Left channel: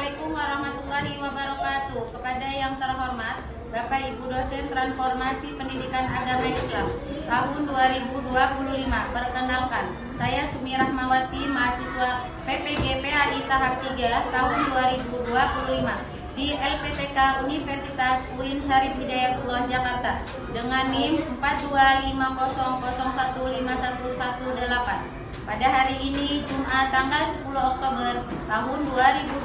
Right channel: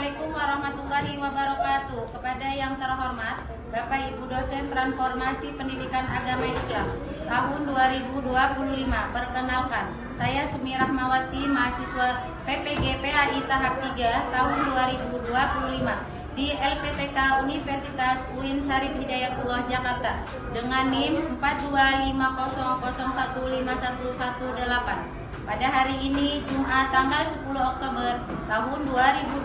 Assalamualaikum warahmatullahi wabarakatuh. Kepada yang terhormat Bapak Ibu dosen Transformasi Pendidikan Agama Islam tahun 2025. Perkenalkan, saya Sumi Rahmawati, mahasiswa PPG PAI tahap 3 tahun 2025 di LPTK Universitas UIN Syarif Hidayatullah Jakarta dengan NIM 42500151118. Pada hari ini Jumat tanggal 10 Oktober tahun 2025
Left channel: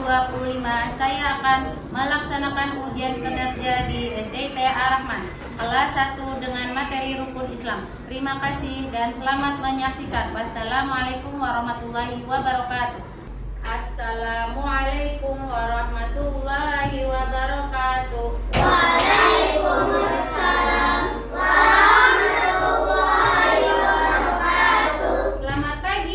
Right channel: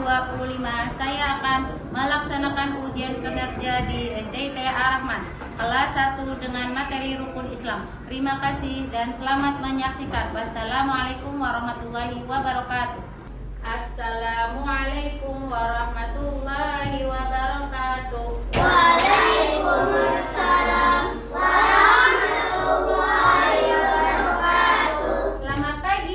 saya akan melaksanakan ujian kinerja di SDIT Ar-Rahman kelas 1 dengan materi rukun Islam. Terima kasih dan selamat menyaksikan. Wassalamualaikum warahmatullahi wabarakatuh. Assalamualaikum warahmatullahi wabarakatuh. Waalaikumsalam warahmatullahi wabarakatuh. Selamat pagi.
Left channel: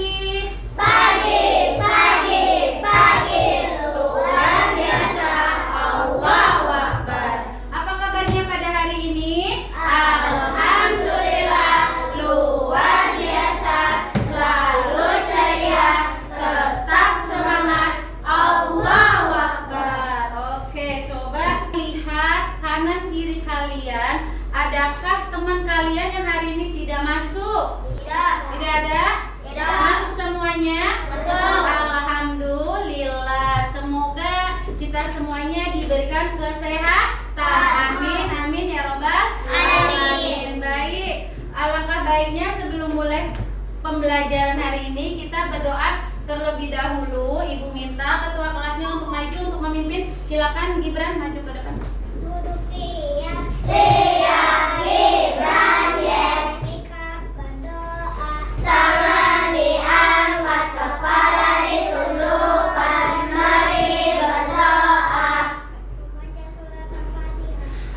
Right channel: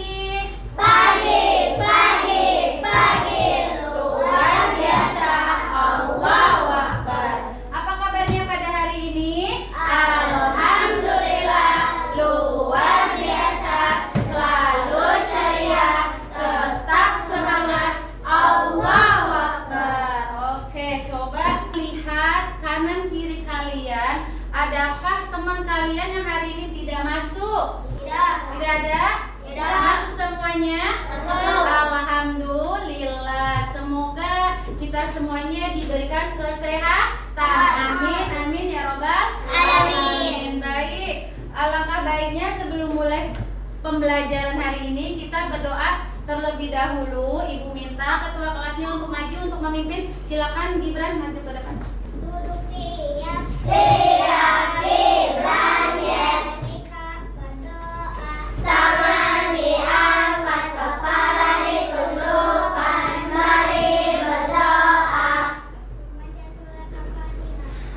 Pagi, luar biasa, Allahu Akbar. Apa kabarnya pada hari ini? Alhamdulillah, luar biasa, selalu ceria, tetap semangat, Allahu Akbar. Oke, coba lihat kanan kiri kalian. Adakah teman kalian yang hari ini tidak masuk? Tidak ada? Tidak. Masuk semuanya? Masuk. Alhamdulillah. Semoga kita semuanya diberikan kesehatan. Amin, amin ya robbal Alamin. Baik. Alangkah baiknya sebelum mulai pembelajaran hari ini kita berdoa terlebih dahulu. Ibu minta ketua kelasnya untuk maju untuk memimpin. Silakan Gibran maju ke depan. Duduk siap. Siap, Gibran, Jessica berdoa. Tangan diangkat, kepala ditundukkan. Mari berdoa.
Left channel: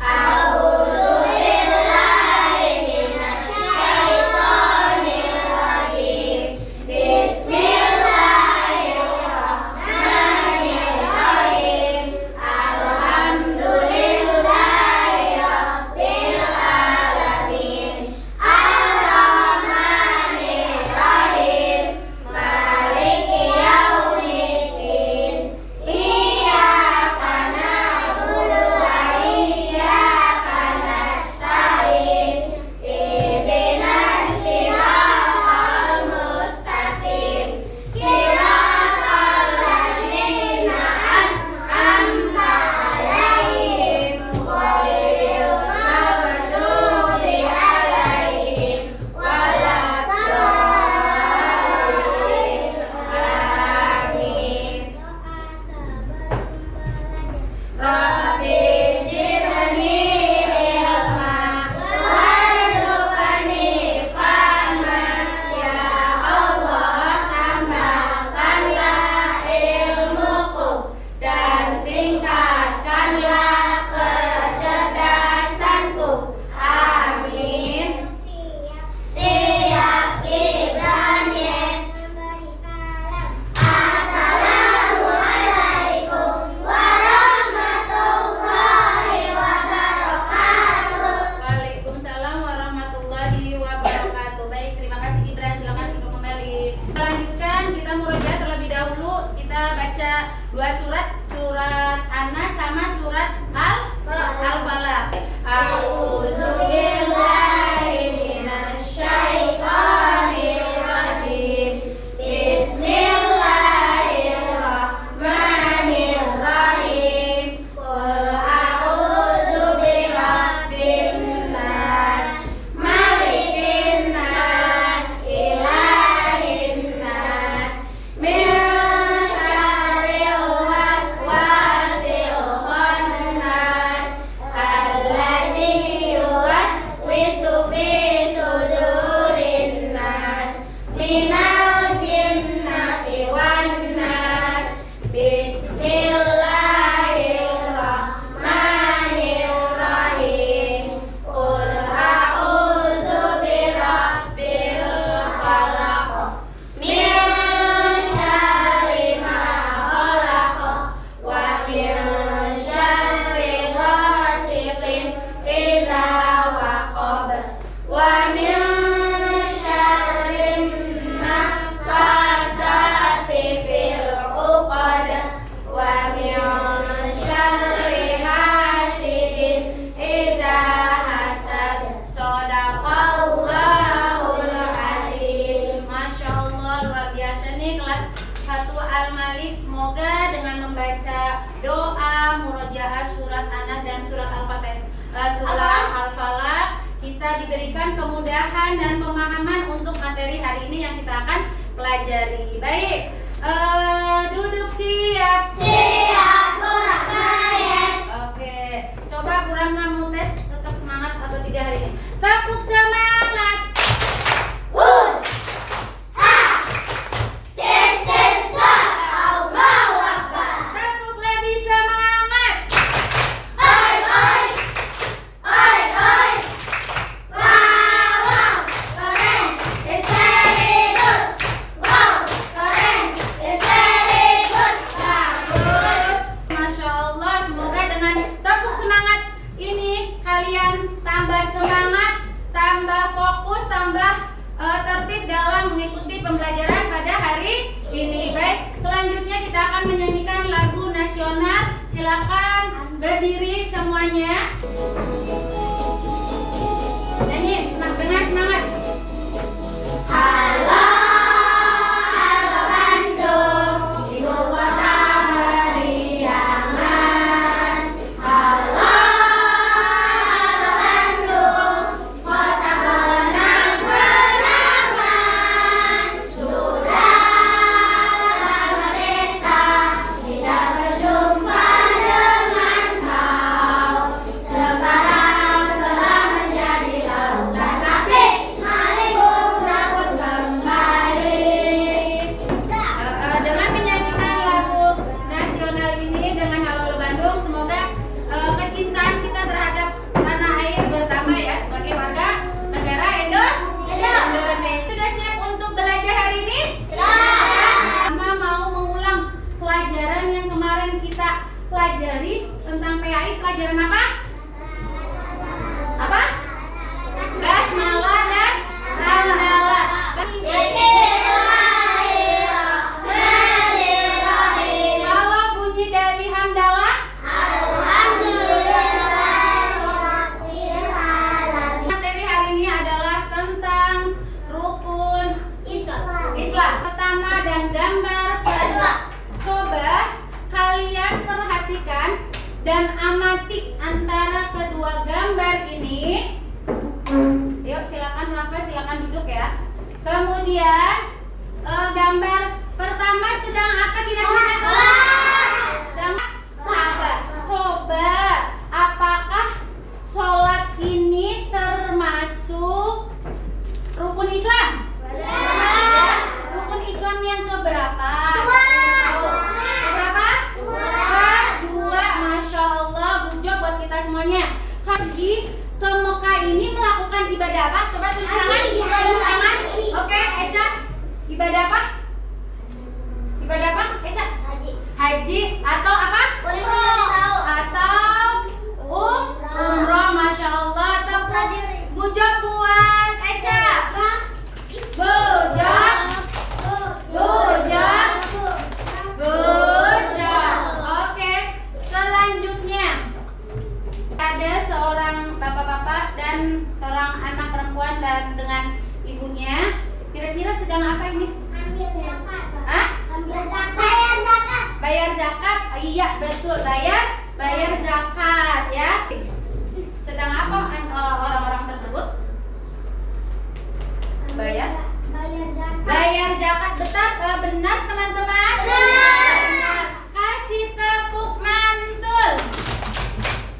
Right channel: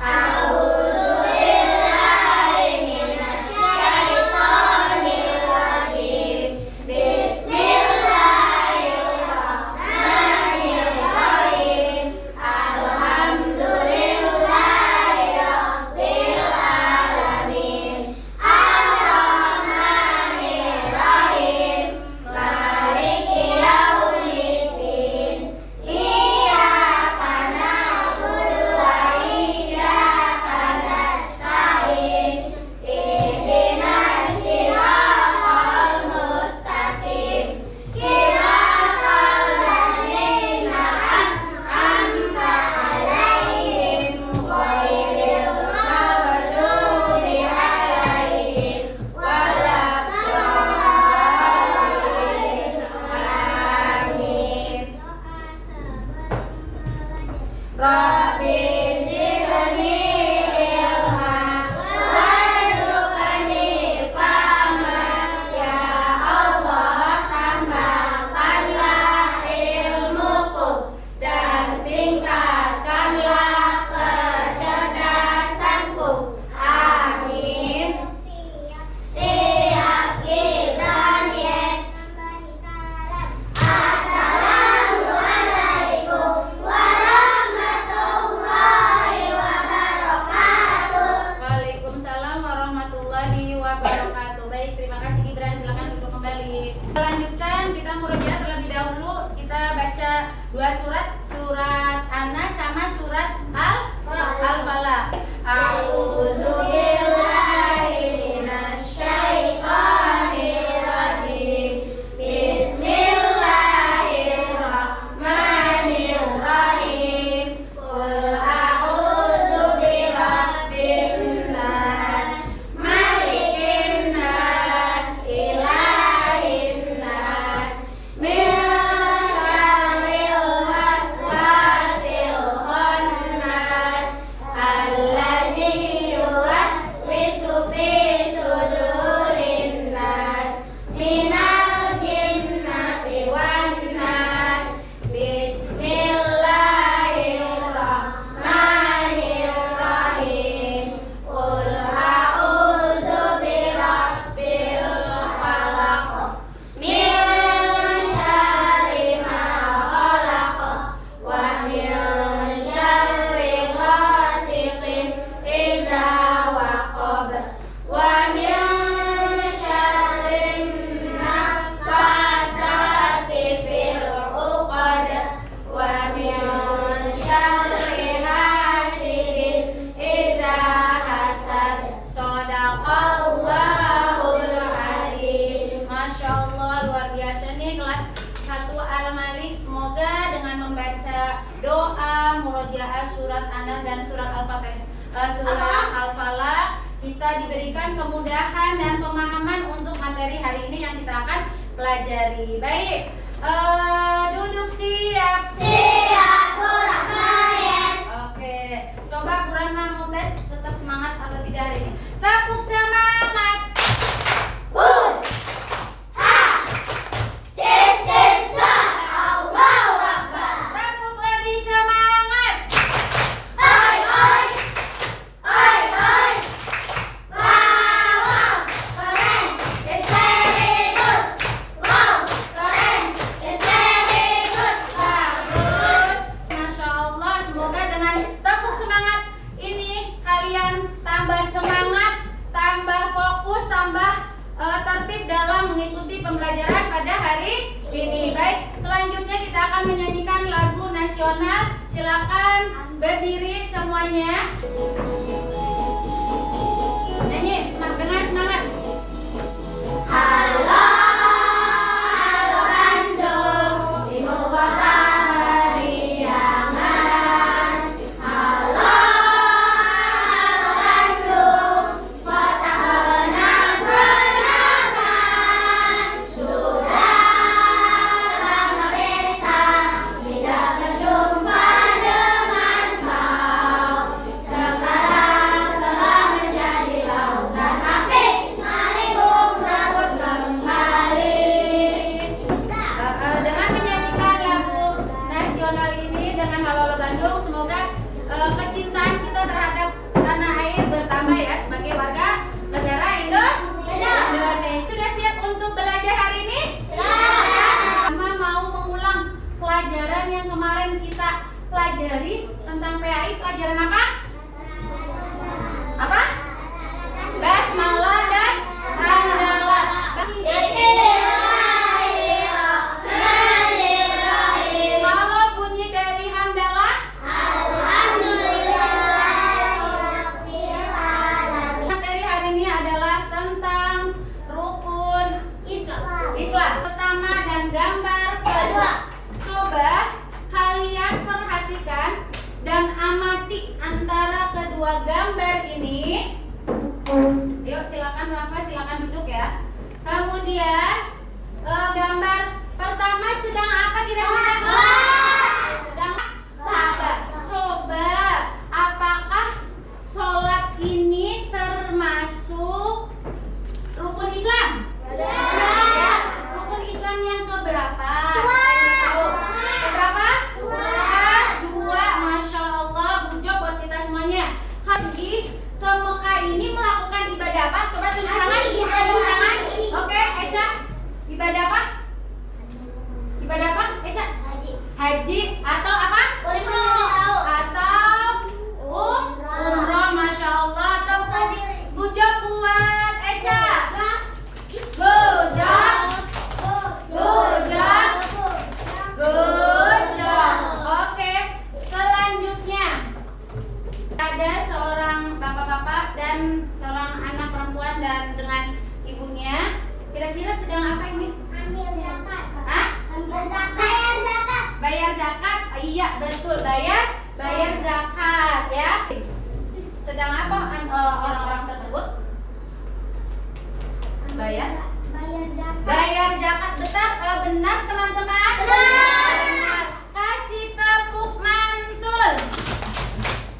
A'udzubillahi minasyaitonirrajim. Bismillahirrahmanirrahim. Alhamdulillah. surat Al-Falaq, kita diberikan kemudahan dan pemahaman untuk materi hari ini yang kita akan pelajari. Baik, duduk siap. Siap, Qur'an. Oke, coba Qur'an mau tes tetap semangat atau tidak hari ini? Tepuk semangat. Hud, ha, tes, dah, Allahu Akbar. Tepuk lebih semangat. Oi, oi, oi, oi. Wow, keren, it's very good. Wow, keren, it's very good. Bagus. Masya Allah, semoga dengan tepuk semangat ini kalian tambah semangat, tambah fokus, tambah tertib dalam mengikuti pembelajaran pada hari ini. Baik, selanjutnya kita akan menyanyikan lagu nasional. Silakan berdiri semuanya. Nyanyi dengan semangat. Halo, halo Bandung, ibu kota beriangan. Halo, halo Bandung, kota kenang-kenangan. Sudah lama kita tidak berjumpa dengan kau. Sekarang telah menjadi lautan api. Mari bung rebut kembali. Dengan menyanyikan lagu nasional ini dengan Halo Halo Bandung, semoga kecintaan kita terhadap tanah air bertambah ya sebagai warga negara Indonesia. Sudah siap untuk belajar hari ini? Sama mau mengulang pelajaran yang kemarin kita pelajari tentang PAI. Pelajaran apa? Apa? Basmalah dan hamdalah. Bismillahirrahmanirrahim. Kalau bunyi dari hamdalah, Alhamdulillahirrahmanirrahim. materi hari ini adalah tentang rukun Islam pertama dan gambar kedua. Coba kalian perhatikan dan amati antara kedua gambar ini. Yuk silakan Rafa, silakan duduk ya. Kemudian gambar pertama sedang apa kira-kira? Sedang Ka'bah. Coba apakah sholat ini termasuk rukun Islam? Ya. Rukun Islam yang keberapa? Tahu? Keberapa? Dua. Masya Allah, bujuk buat kita semuanya. Haji ke Mekah ini melakukan ibadah apa? Coba tunjuk tangan. Tunjuk tangan. Oke, Eca. Ibadah apa? Ibadah apa? Eca. Haji atau apa? Atau umroh. Masya Allah. Tepuk bujuk buat Eca. Good job. Good job. Good job. Oke, selanjutnya ada seorang bapak-bapak dan seorang anak perempuan dan dengan ibunya. Kira-kira sedang apa ini? Hah? Bayar zakat? Oh, iya betul, bayar zakat ya. Sedang apa orang-orang tersebut? Bayar zakat. Benar teman-teman? Benar. Kasih tepuk mantul.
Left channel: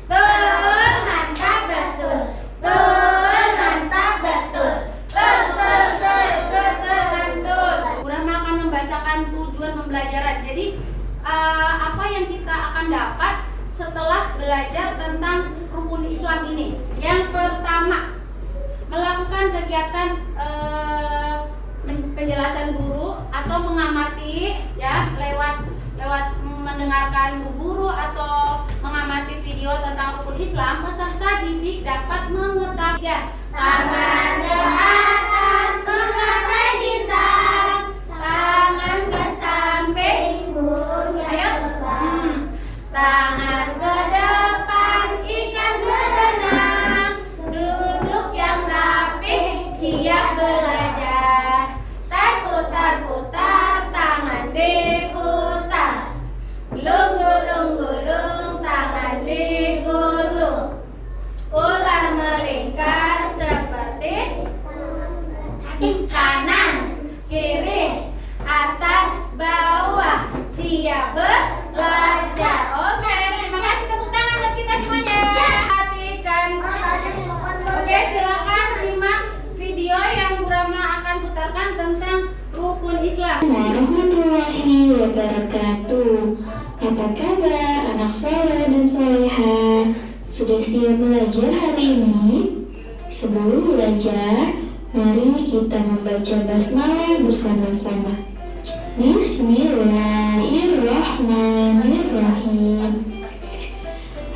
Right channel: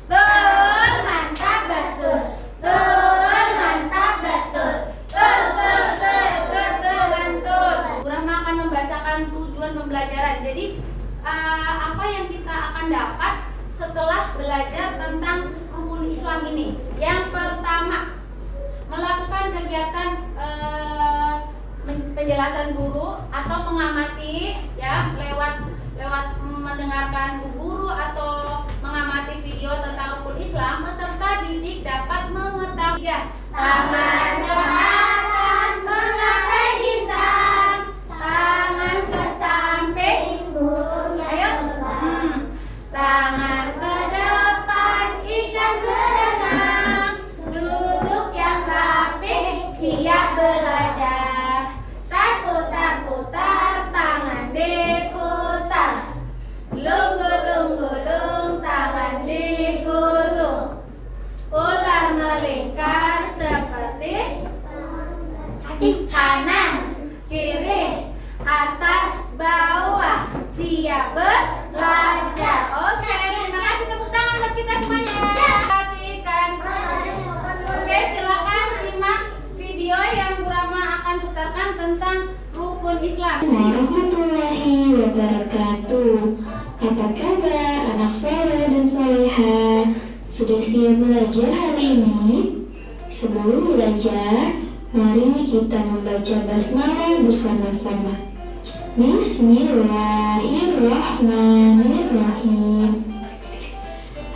Mantap betul. Mantap betul. Mantul. Kurang akan membahasakan tujuan pembelajaran. Jadi apa yang kita akan dapat setelah belajar tentang rukun Islam ini? Yang pertama, melakukan kegiatan penjelasan guru atau mengamati ya lewat mendengarkan guru atau mengamati video tentang rukun Islam. Peserta didik dapat mengetahui ya, tangan ke atas mencapai bintang, tangan ke samping. Ayo. Tangan ke depan, ikan berenang, duduk yang rapi, siap belajar. Tak putar-putar, tangan diputar. Lung-lung-lung, tangan digulung. wabarakatuh. Apa kabar anak soleh dan soleha? Sudah siap belajar hari ini? Sebelum belajar, mari kita membaca basmalah bersama-sama. Bismillahirrahmanirrahim.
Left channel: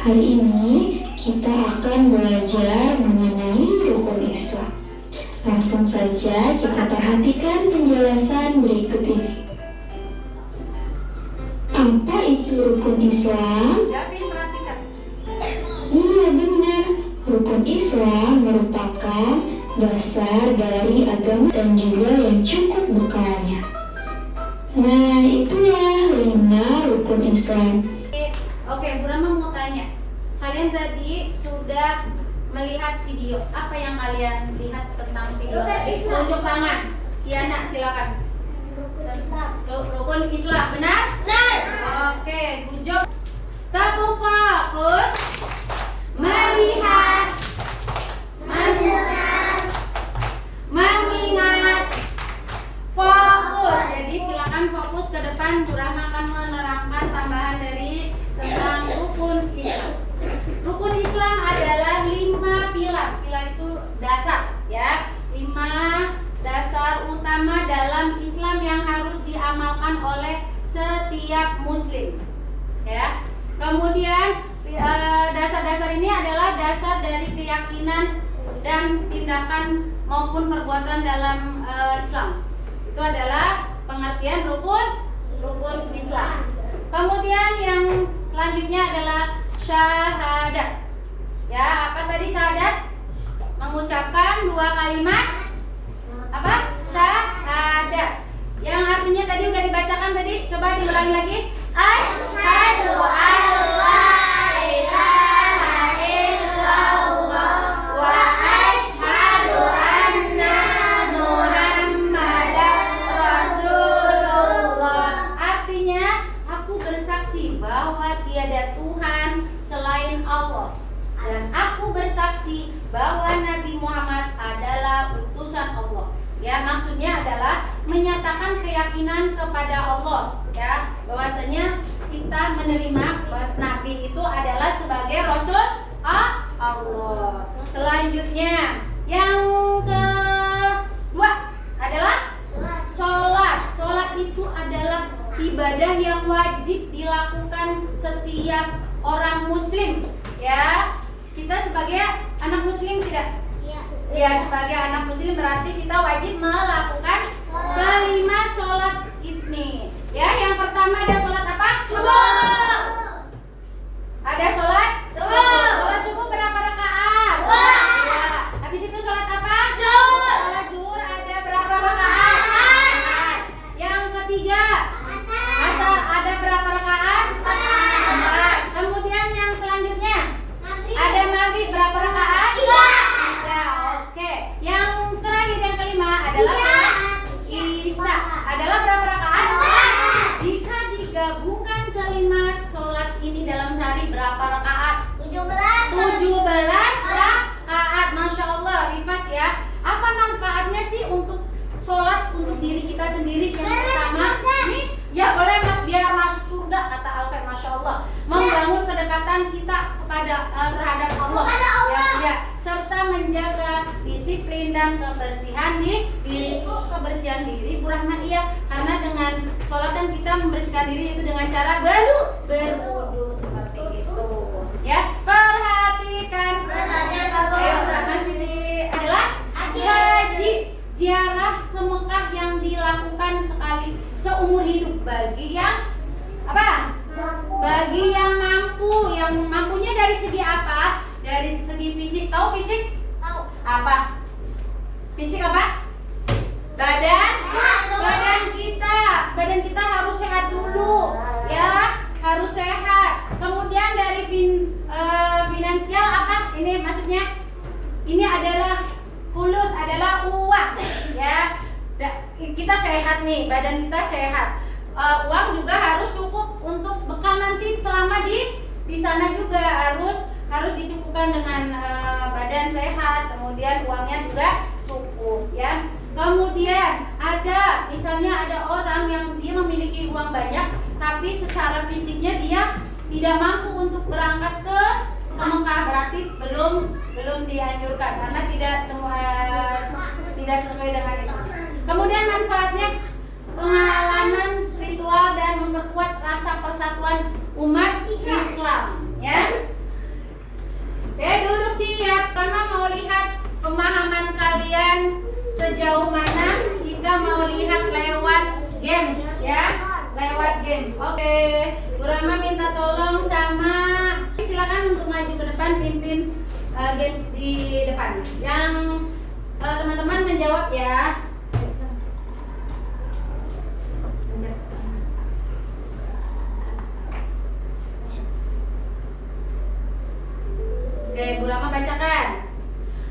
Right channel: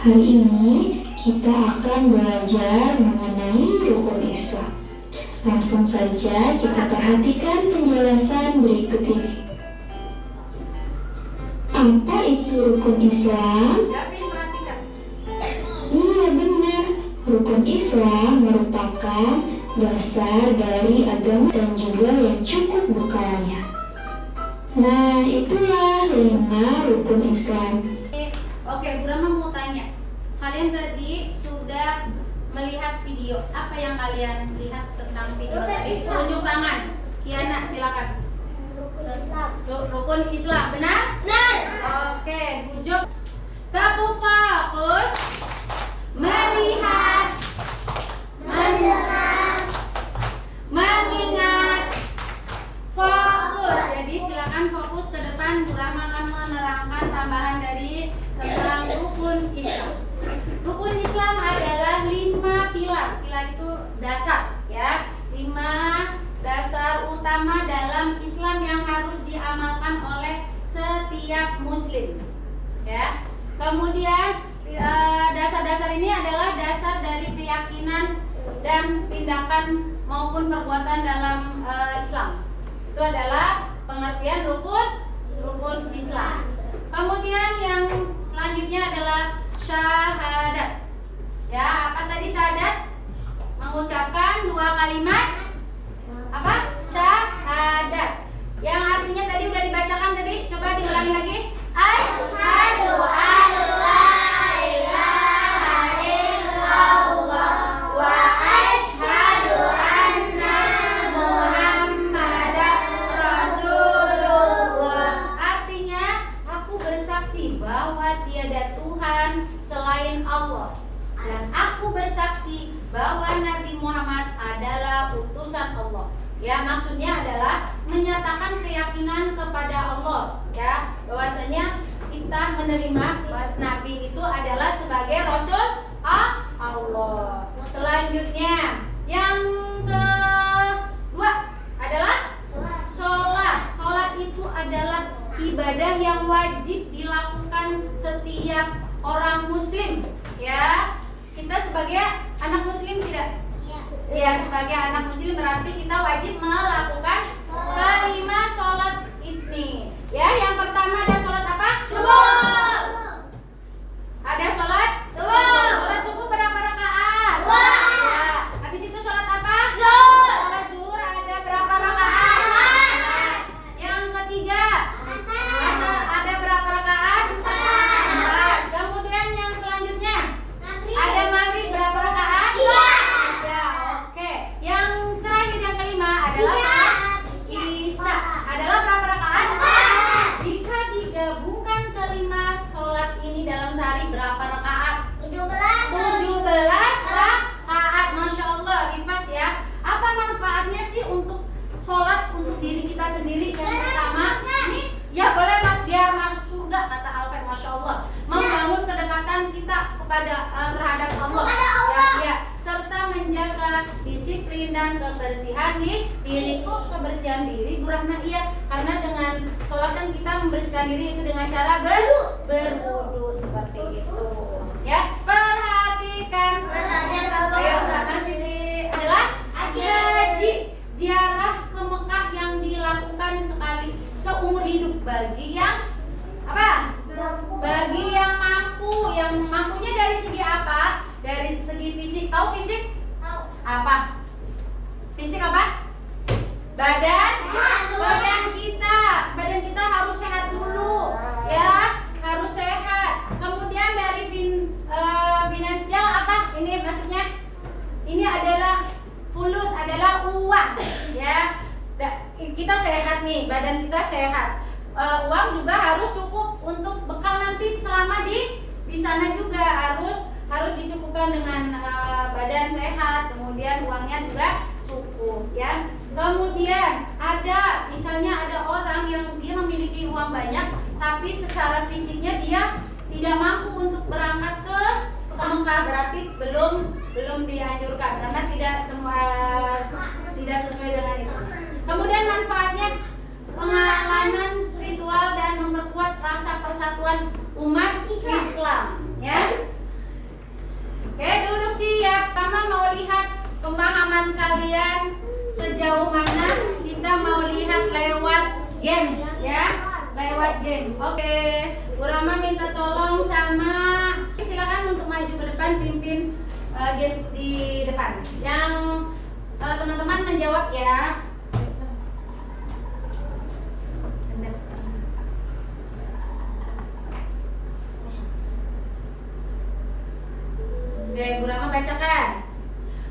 Hari ini kita akan belajar mengenai rukun Islam. Langsung saja kita perhatikan penjelasan berikut ini. Apa itu rukun Islam? Iya benar, rukun Islam merupakan dasar dari agama dan juga yang cukup bekalnya. Nah, itulah 5 rukun Islam. Oke, Bu Rama mau tanya. Kalian tadi sudah melihat video. Apa yang kalian lihat tentang video tadi? Tunjuk tangan. Kiana, silakan. Rukun Islam, benar? Benar. Oke, good job. Kamu fokus melihat, mengingat, fokus. Jadi silakan fokus ke depan. Bu Rahma akan menerangkan tambahan dari tentang rukun Islam. Rukun Islam adalah 5 pilar. Pilar itu dasar, ya. 5 dasar utama dalam Islam yang harus diamalkan oleh setiap muslim, ya. Kemudian dasar-dasar ini adalah dasar dari keyakinan dan tindakan maupun perbuatan dalam Islam. Itu adalah pengertian rukun Islam. Kemudian yang selanjutnya adalah syahadat. Ya, apa tadi syahadat? Mengucapkan 2 kalimat apa? Syahadat. Yang artinya tadi udah dibacakan tadi, coba diulangi lagi. Asyhadu an la ilaha illallah wa asyhadu anna Muhammadan Rasulullah. Artinya, aku bersaksi bahwa tiada Tuhan selain Allah, dan aku bersaksi bahwa Nabi Muhammad adalah utusan Allah. Ya, maksudnya adalah menyatakan keyakinan kepada Allah, ya, bahwasanya kita menerima bahwa Nabi itu adalah sebagai Rasul Allah. Selanjutnya, yang kedua adalah sholat. Sholat itu adalah ibadah yang wajib dilakukan setiap orang muslim, ya. Kita sebagai anak muslim tidak? Ya, sebagai anak muslim berarti kita wajib melakukan kelima sholat ini. Ya, yang pertama ada sholat apa? Subuh. Ada sholat Subuh. Sholat subuh berapa rakaat? 2. Ya. Habis itu sholat apa? Zuhur. Sholat zuhur ada berapa rakaat? Yang ketiga, asar ada berapa rakaat? 4. Kemudian yang selanjutnya ada maghrib berapa rakaat? 3. Oke. Yang terakhir yang kelima adalah sholat isya. Adalah berapa rakaat? 4. Jika digabungkan kelima sholat ini dalam sehari berapa rakaat? 17 rakaat. Masya Allah, Rifas ya. Apa manfaatnya sih untuk sholat untuk diri kita sendiri? Yang pertama, nih, ya boleh mas, biar masuk surga kata Alfred. Masya Allah, membangun kedekatan kita kepada terhadap Allah. Ya, serta menjaga disiplin dan kebersihan di diri. Kok kebersihan diri? Bu Rahma, iya, karena dengan sholat kan kita membersihkan diri itu dengan cara berwudu seperti itu. Ya, perhatikan. Ayo, masih adalah haji, ziarah ke Mekah yang dilakukan sekali seumur hidup bagi yang apa? Bagi yang mampu. Yang mampunya dari segi apa? Dari segi fisik. Tahu fisik? Tahu. Apa? Fisik apa? Badan kita harus sehat dulu, ya, harus sehat. Kemudian dari finansial apa? Ini maksudnya, ini adalah fulus, adalah uang, ya. Kita sehat nih, badan kita sehat. Uang juga harus cukup untuk bekal nanti selama di sana juga harus dicukupkan dengan badan sehat, kemudian uangnya juga cukup. cukup ya. Kemudian misalnya ada orang yang dia memiliki uang banyak tapi secara fisiknya dia tidak mampu untuk berangkat ke Mekah, berarti belum dianjurkan karena tidak sesuai dengan itu. Kemudian manfaatnya pengalaman spiritual dan memperkuat rasa persatuan umat Islam ya. Oke, duduk siap. Pertama mau lihat pemahaman kalian sejauh mana. Kita mau lihat lewat games ya, lewat game. Oke, Bu Rama minta tolong sama, silakan untuk maju ke depan pimpin games di depan. Yang teman-teman menjawab ya. Oke, Bu Rama bacakan.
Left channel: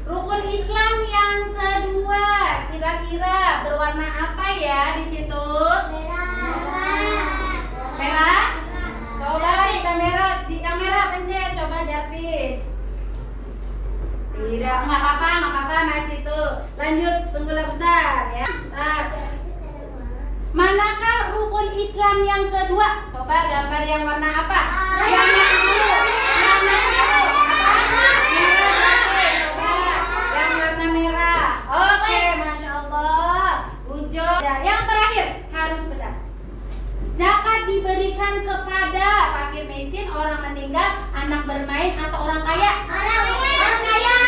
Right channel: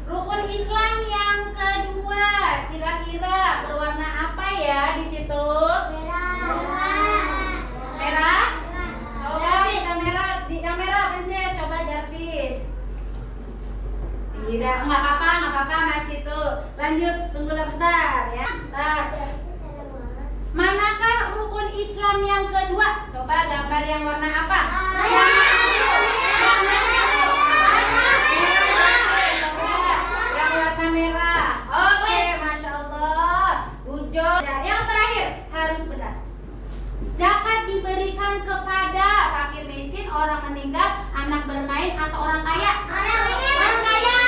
Rukun Islam yang kedua kira-kira berwarna apa ya di situ? Merah. Coba di kamera pencet, coba Darvis. Tidak, nggak apa-apa masih tuh. Lanjut, tunggulah bentar ya. Manakah rukun Islam yang kedua? Coba gambar yang warna apa? Yang dulu. Warnanya tuh apa? Warna merah. Oke, Masya Allah. Ujo. Dan yang terakhir harus benar. Zakat diberikan kepada fakir miskin, orang meninggal, anak bermain, atau orang kaya? Orang kaya.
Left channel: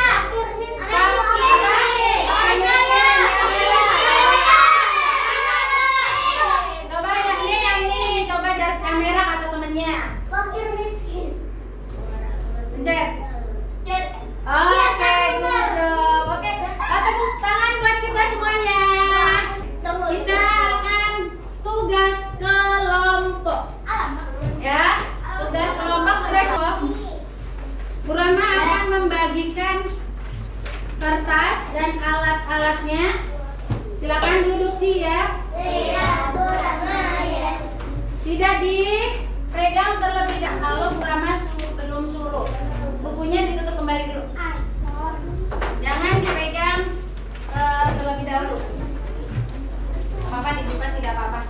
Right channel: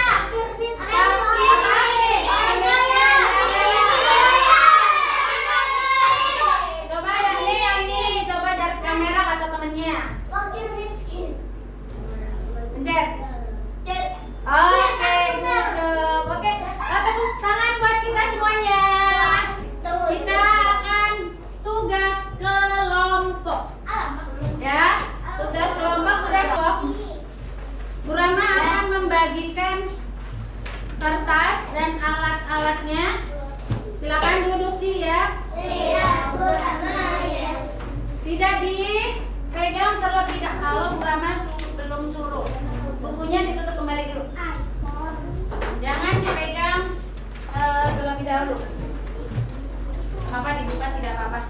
Coba yang ini coba dari kamera atau temennya. Fakir miskin. Pencet. Oke, good. Oke, tepuk tangan buat kita semuanya. Kita akan tugas kelompok. Ya, tugas kelompok besok. Bu Rama akan membagikan kertas dan alat-alatnya. Silakan duduk sih ya. Tidak dipegang terlebih dahulu. Bu Rama belum suruh. Bukunya ditutup kembali dulu. Jangan dipegang terlebih dahulu. Apa dibuka tidak apa-apa.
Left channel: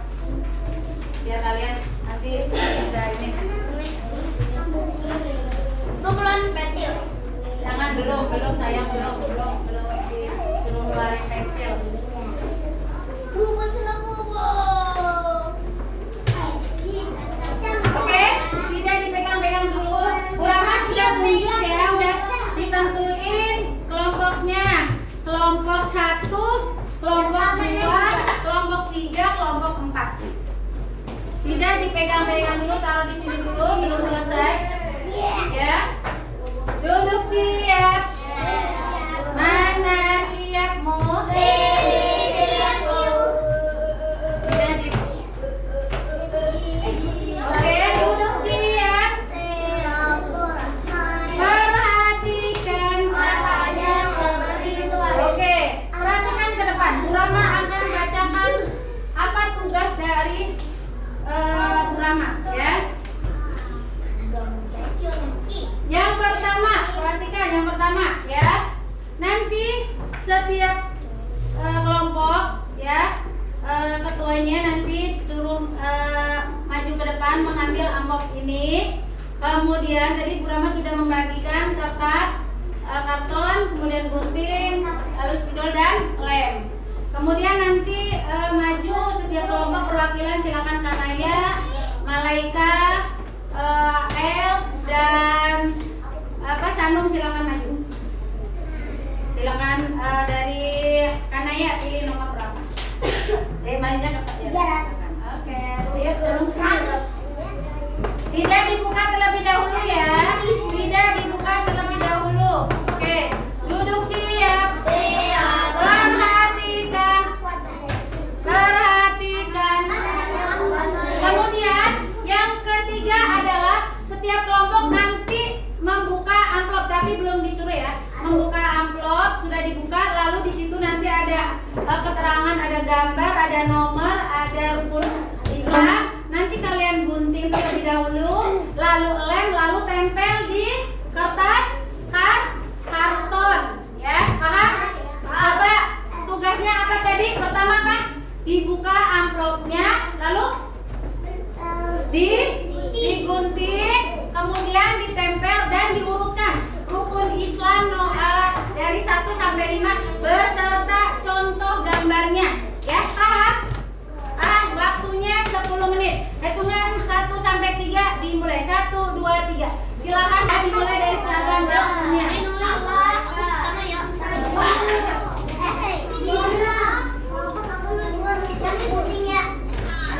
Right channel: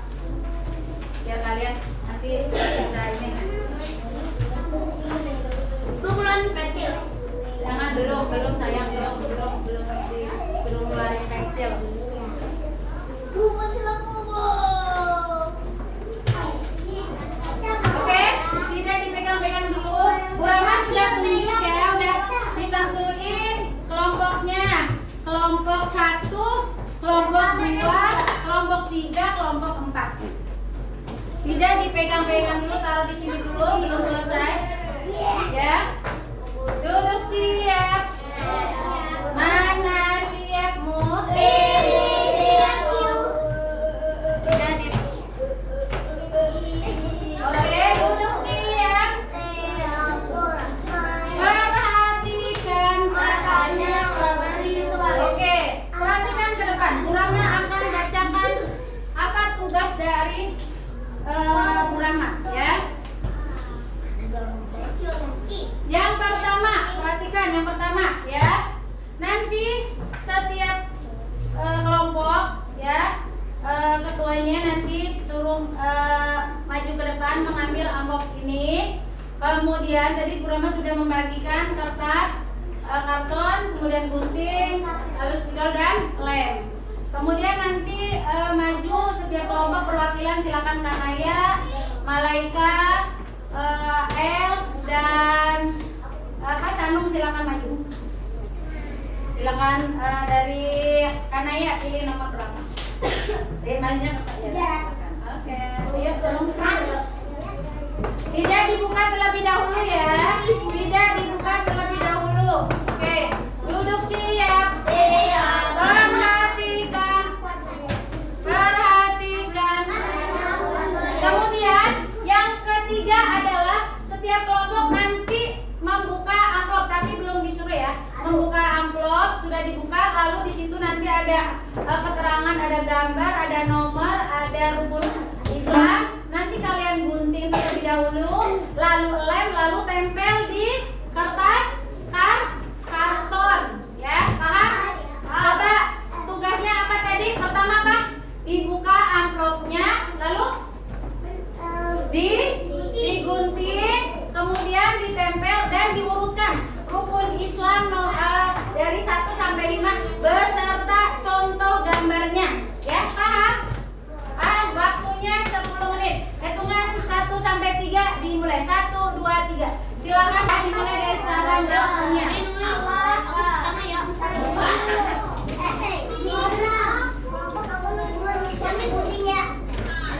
Biar kalian nanti bisa ini. Bukulan pensil. Jangan belum sayang belum disuruh keluarin pensil. Pensil aku Oke, tidak dipegang-pegang dulu. Bu Rama sudah tunjuk ya, udah ditentuin kelompoknya. Kelompok 1, kelompok 2, kelompok 3, kelompok 4. Tidak dipegang-pegang dulu, taruh di sini dulu, belum selesai. Ya. Duduk siap. Mana siapmu? Tidak di. Oke, duduk siap. Perhatikan. Oke, perhatikan ke depan. Bu Rama akan bacakan apa tugas dari Bu Rama ya. Yang pertama, perhatikan yang pertama ya. Nanti setiap kelompok ya, ketuanya nanti suruh maju ke depan mengambil amplop ini. Kemudian tadi Bu Rama sudah membagikan kertas, karton, kemudian gunting, lalu spidol dan lem. Kemudian nanti maju setiap kelompok perwakilan, silakan Kanaya, Malaika, El dan Sanung, silakan maju. Silakan dari Kanaya di nomor berapa? Majunya ke Pak ya. Oke, yuk Sanung. Tidak dibuka terlebih dahulu ya. Tidak dibuka terlebih dahulu. Oke, duduk siap. Perhatikan. Kemudian yang ketiga adalah setiap kelompok nanti membuka amplop, tapi belum disuruh ya. Membuka amplop sudah dibuka, lalu di situ nanti ada keterangan, ada gambar, ada nomor, ada rukun Islam. Nanti kalian gunting terlebih dahulu, lalu lem, lalu tempel di kertas karton, ya paham? Coba silakan dimulai dari sekarang. Yuk, punya. Aku pertama ya.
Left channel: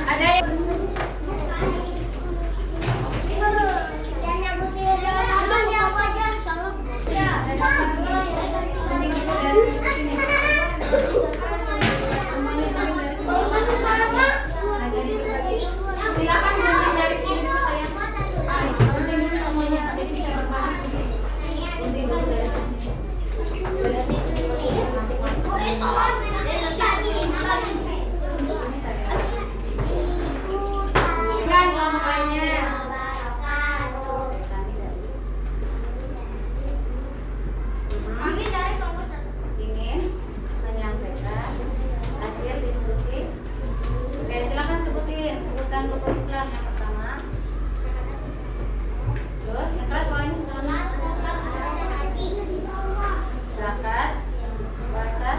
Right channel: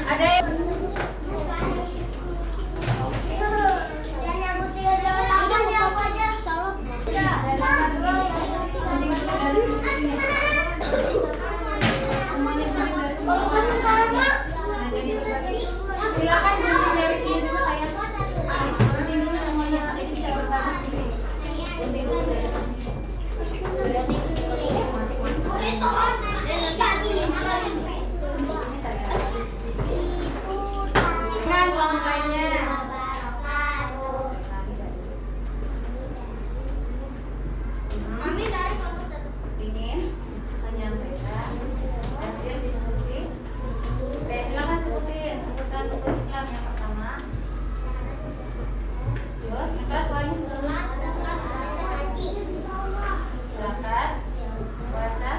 Ada yang silakan gunting dari sini dulu saya. Gunting dulu semuanya jadi bisa berbagi. Gunting dulu dari sini. Kan kelompoknya. Ingin menyampaikan hasil diskusi. Oke, silakan sebutkan rukun Islam yang pertama. Terus, yang kelas soalnya zakat, puasa,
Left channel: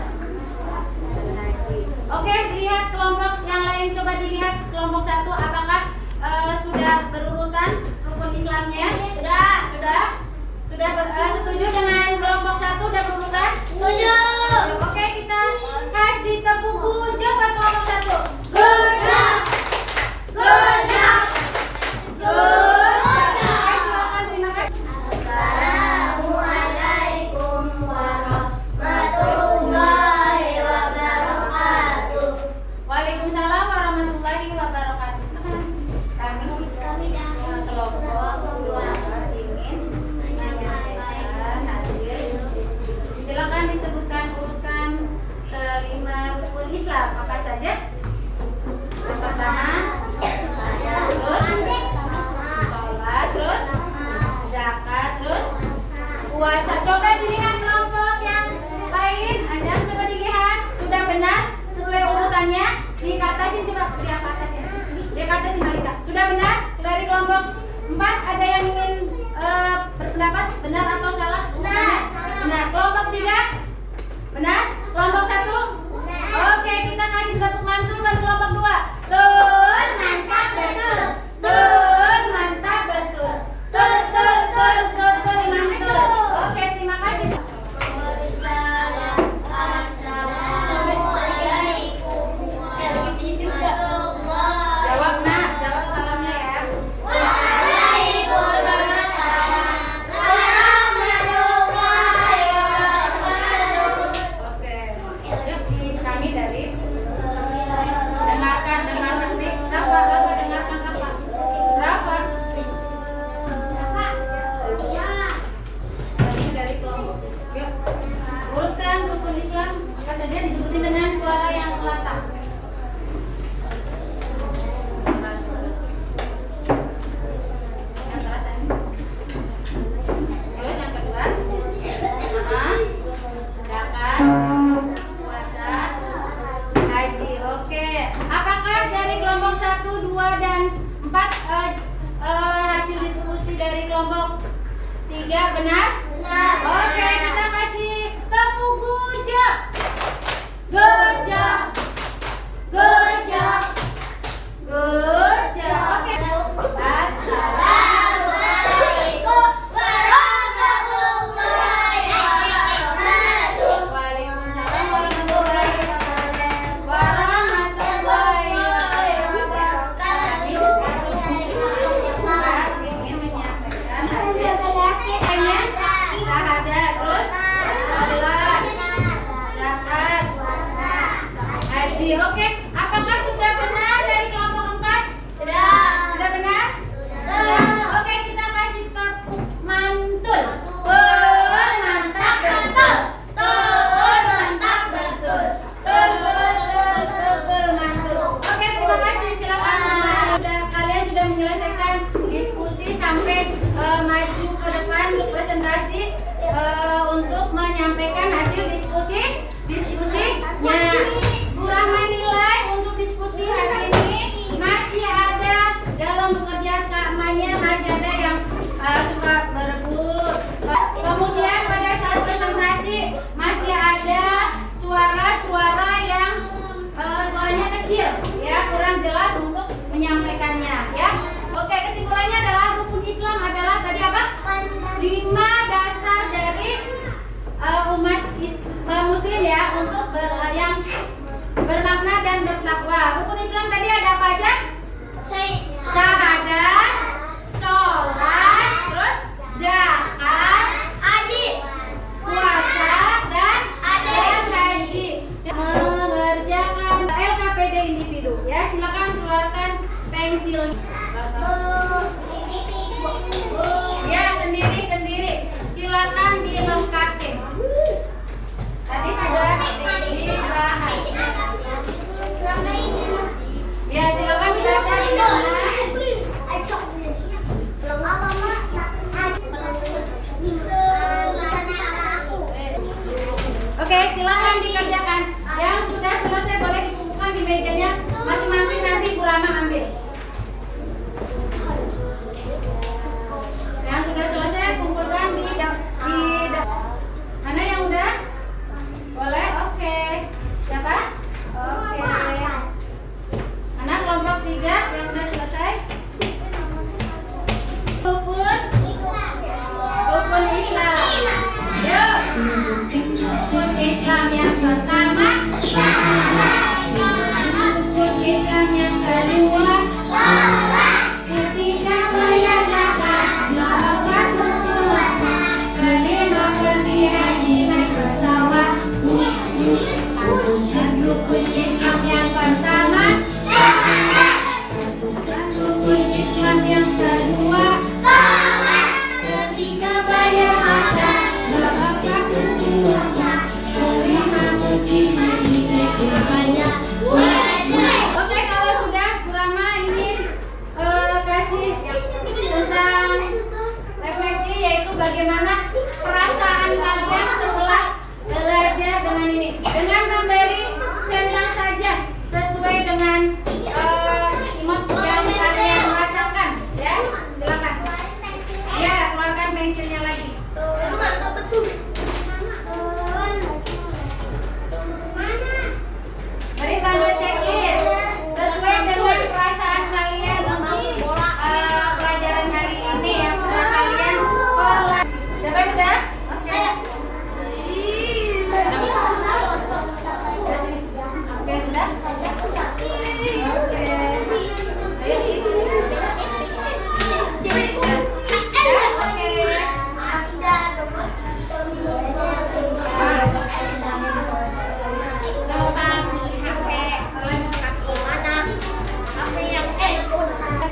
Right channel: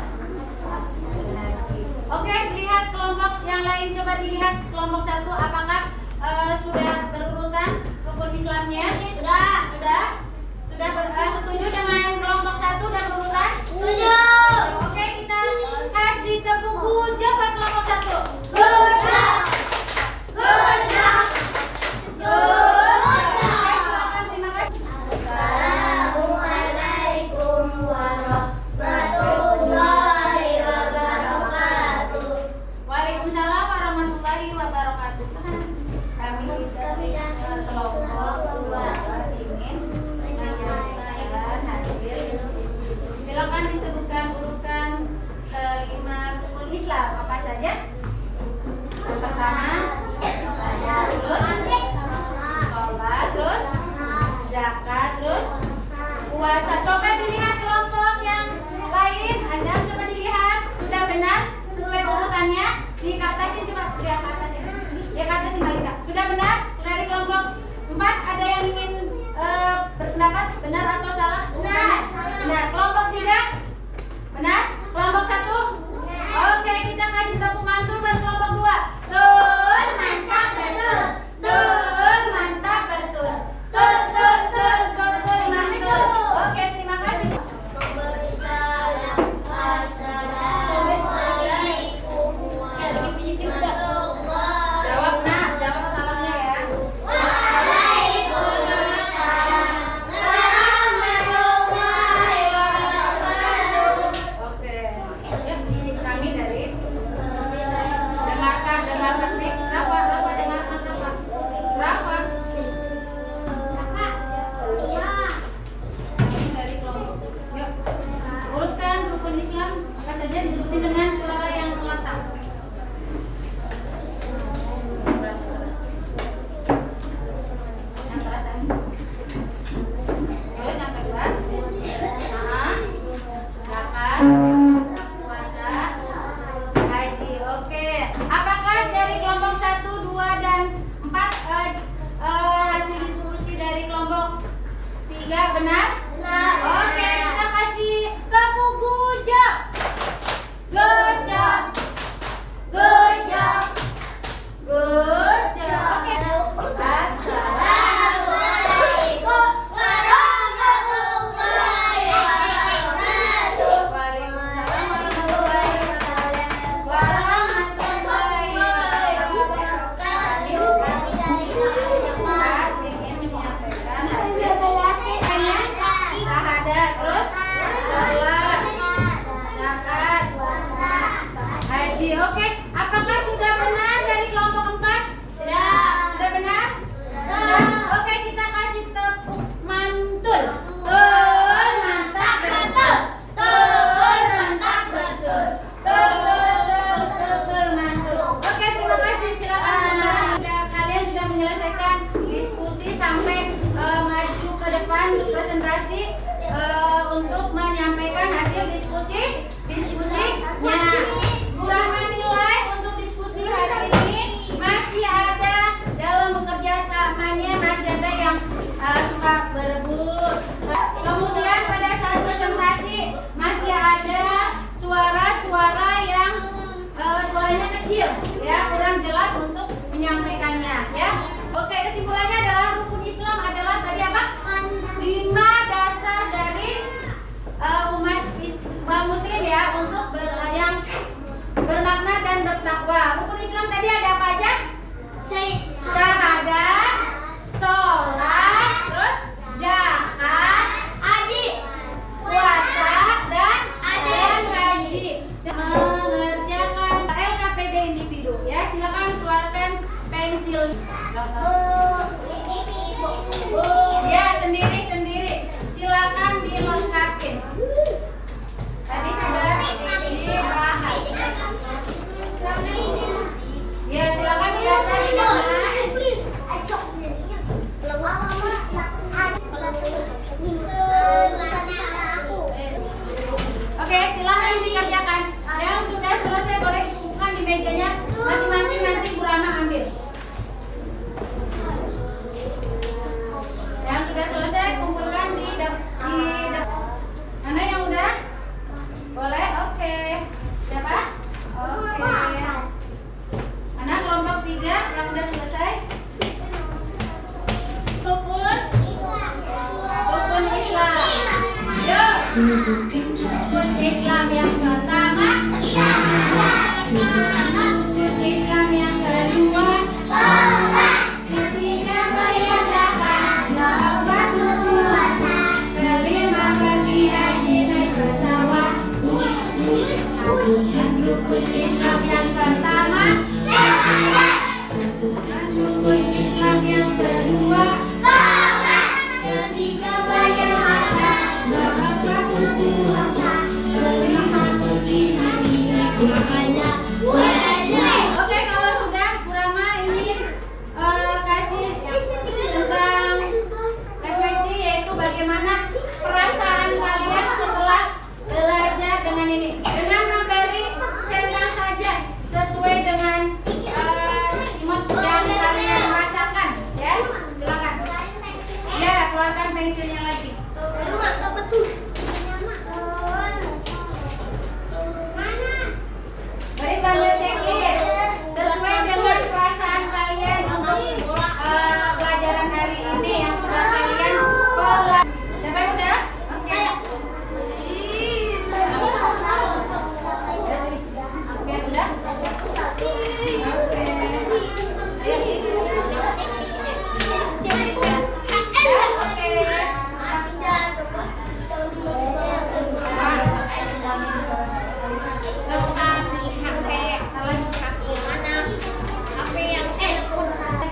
dan haji. Oke, lihat kelompok yang lain, coba dilihat kelompok 1 apakah sudah berurutan rukun Islamnya? Sudah setuju dengan kelompok 1 udah berurutan? Setuju. Oke, kita kasih tepuk puja buat kelompok 1. Good job. Good job. Good job. Silakan, terima kasih. Assalamualaikum warahmatullahi wabarakatuh. Waalaikumsalam warahmatullahi wabarakatuh. Kami kelompok 2 ingin menyampaikan hasil diskusi. Silakan disebutkan urutkan kelima rukun Islam apa saja? Yang pertama, terus sholat, terus zakat, terus puasa. Coba dilihat kelompok yang lain. Anda coba dilihat sudah benar sesuai urutannya. Dikatasin coba lihat atasin. Dikatasin Malika. Sudah benar dari kelompok 4 ada yang ingin berpendapat benar atau salah? Benar. Kelompok 3 benar. Kelompok 1 oke, kita kasih tepuk mantul buat kelompok 2. Betul, mantap betul. Betul, mantap betul. Betul, mantul. Oke, terima kasih. Assalamualaikum warahmatullahi Jawab nak, jawab salahnya ya. Oke. Yuk, kami dari dengarkan nih. Rafa dengarkan Rafa. Rafa. Kami dari kelompok. Yuk, urutkan rukun Islam apa saja disebutin dengan suara yang lantang. Yang terasa ini. Terus yang kedua, zakat, puasa, haji. Oke. Apakah dari kelompok 1, 2, dan 4 hasil diskusi dari kelompok 3 benar? Oke, kita kasih tepuk gujab. Good job. Good job. Good job. Oke. Assalamualaikum warahmatullahi wabarakatuh. Waalaikumsalam warahmatullahi wabarakatuh. Ingin menyampaikan hasil syahadat, terus sholat, zakat, haji. Oke, apakah sudah benar dari kelompok 4? Sudah benar? Oke, kita kasih tepuk mantul. Mantap betul. Mantap betul. Mantul. Oke, terima kasih. Silakan. Kalian sudah menyelesaikan diskusi sampai maju ke depan untuk presentasi untuk menyampaikan hasil diskusinya. Bu Rahma nilai untuk diskusi hari ini masih ada dalam bekerja samanya, masih ada yang suka berebut. Kemudian pada saat presentasi masih ada suara-suara yang suaranya kecil, ya kurang jelas untuk menyampaikannya, ya. Oke, kesimpulannya adalah rukun Islam adalah tadi apa? dan bertakwa. Rukun Islam tadi ada apa aja? Syahadat, sholat, terus zakat, Haji. puasa, dan haji. Mengerjakan LKPD individu. Ya, silakan keluarkan pensil. Ya, sendiri-sendiri. Silakan dilengkapi. Tadi sudah dibahas. Ya, silakan dibaca di sana. Oke, silakan dikerjakan. Yang sudah selesai boleh dikumpulkan di mejanya masing-masing, nanti Bu Rama ambil. Yang sudah selesai kumpulkan di mana yang udah? Boleh? Oke. Siapa? Oke. Anak kelompok 3 yang udah selesai. Rukun Islam. Yuk. Rukun Islam yang pertama. Rukun Islam yang kedua. Ketiga menyatakan bahwa puasa. Kelima pergi haji naik pesawat. Sebutkan rukun Islam yang pertama. Sebutkan rukun Islam yang kedua. Ketiga bayar zakat. Keempat puasa. Kelima pergi haji naik pesawat. Oke, kalau sudah Bu Rama ingin kasih tentang refleksi, yaitu bagaimana perasaan kalian setelah belajar dengan ini, dengan memberi centang saja sesuai dengan imot yang kalian rasakan. Ya, silakan. Ya, keluarkan pensilnya lagi. Mari kalian cek sesuai dengan perasaan kalian untuk pelajaran hari ini yang sudah kalian kelola. Siapa yang udah? Oke. Oke, udah? Oke.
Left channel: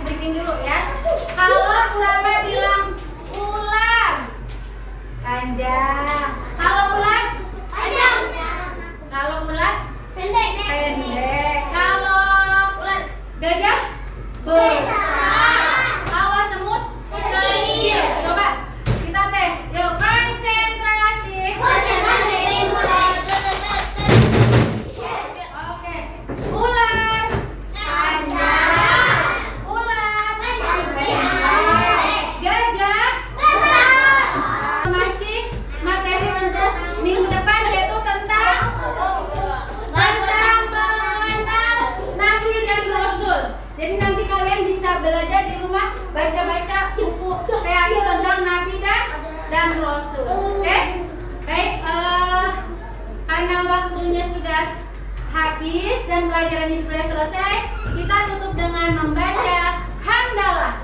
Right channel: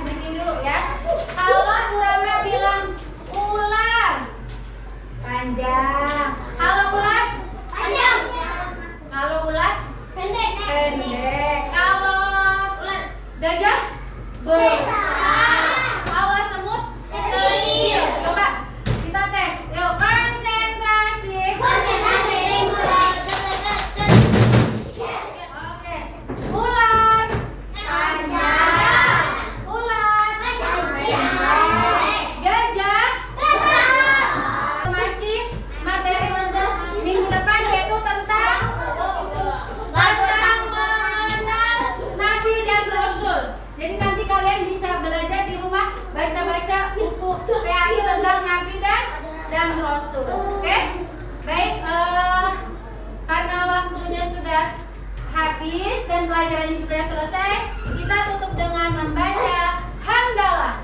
Bikin dulu ya. Kalau Bu Rama bilang ular, panjang. Kalau ular, Panjang. kalau ular Pendek. pendek. Kalau gajah besar. Kalau semut kecil. Coba kita tes. Yuk, konsentrasi. Oke. Ular. Panjang. Ular. Gajah. Masih materi untuk minggu depan, yaitu tentang mengenal Nabi dan Rasul. Jadi nanti kalian bisa belajar di rumah, baca-baca buku PAI tentang Nabi dan Rasul. Oke? Baik, karena waktunya sudah habis dan pelajarannya sudah selesai, kita tutup dengan membaca hamdalah.